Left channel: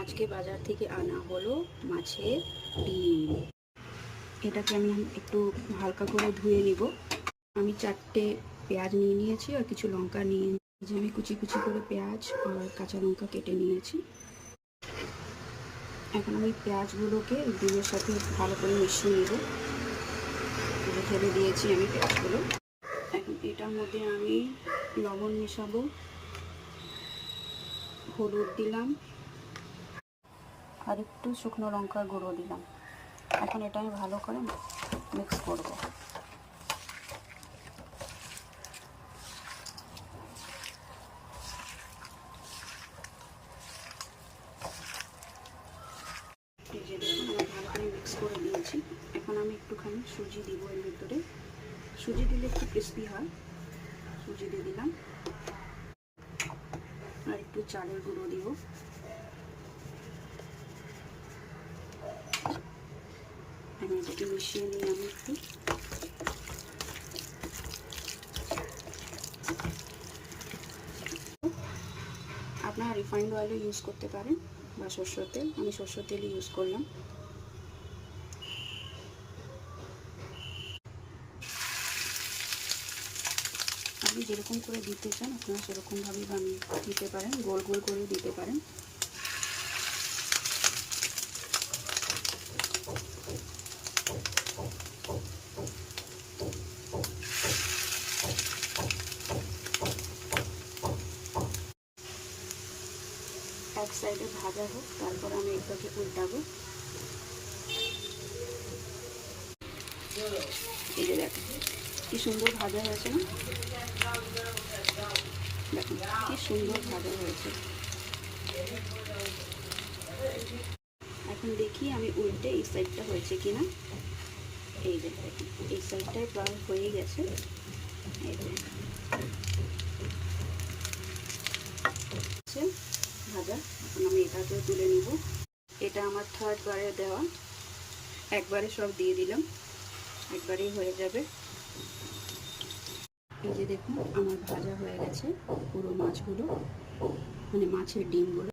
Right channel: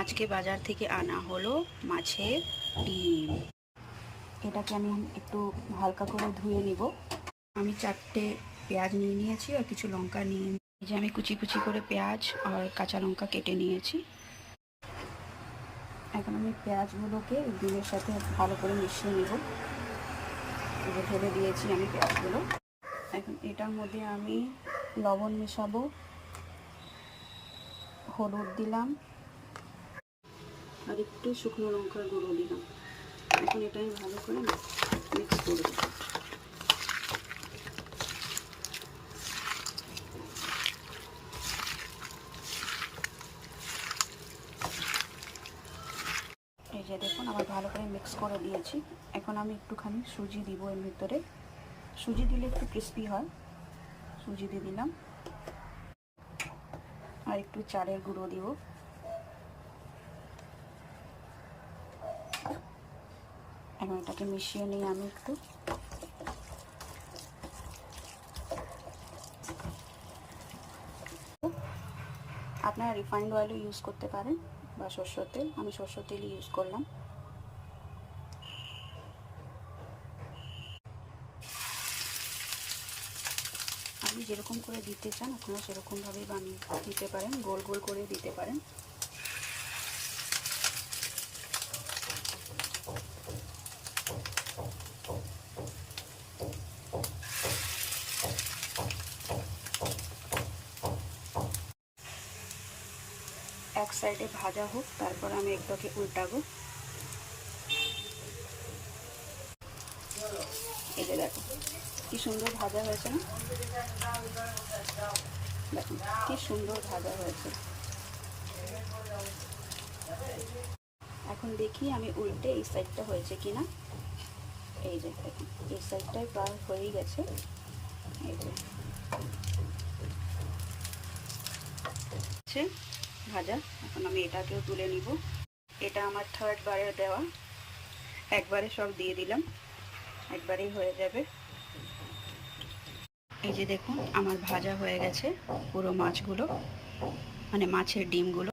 আজকে বাজার থেকে আনা হলো মাছের ডিম। এটাকে আমি একটু হালকা করে ধুয়ে নিব। আমি 4টে পেঁয়াজ নিয়ে নিয়েছি আর কিছু লঙ্কা নিয়ে, যে আমি কুচি কুচি করে পেঁয়াজ আর কাঁচা লঙ্কা কেটে নিয়েছি। এখন আমি পেঁয়াজগুলোকে ডিমের সাথে ভালো করে মিশিয়ে নিব। ঢেলে দিয়েছি আমি পেঁয়াজগুলো। এখন এটার মধ্যে আমি লবণ মেশাবো, হলুদ দিলাম আর একটু শুকনো লঙ্কার গুঁড়ো দিলাম। এখন এটা আমি ভালো করে মিক্স করব। এই যে দেখুন আমার ভালো করে মিক্স করে দিয়েছি। এখন আমি একটুখানি সুজি দিব এর ভিতরে। সুজি দিলে একটু ক্রিস্পি হয়, সুজি দিয়ে দিলাম। আর একটু চালের গুঁড়ো দিব। এখন এটাকে মিশিয়ে নিয়ে আমি একটু আপনারা রিফাইন্ড অয়েলও ইউজ করতে পারেন বা সরষের তেল। আমি সরষের তেলই ইউজ করলাম। আপনি যেরকম করে দিতে চান আপনারা সেরকমভাবেই বানিয়ে দিতে পারেন, গোল গোল করেও দিতে পারেন। এক সাইডে ভাজা হোক, তারপর আমি একটাকে উল্টাবো। এই যে দেখেন কি সুন্দর ভাজা হয়েছে না? দেখুন কি সুন্দর ভাজা হয়েছে। এখন দেখি আমি উল্টে এই সাইডটা হয়েছে কিনা। এই যে দেখুন এই সাইডটাই প্রায় হয়ে গেছে। এই যে ভাজা। এখন আমি এটাকেও তুলে নিব। এটা আমার থার্ড বারের দেওয়া, একবারে সব দিয়ে দিলাম, একবারেই হয়ে যাবে। এই যে দেখুন আমার ভাজা হয়ে গেছে পুরো মাছগুলো, মানে মাছের ডিমগুলো।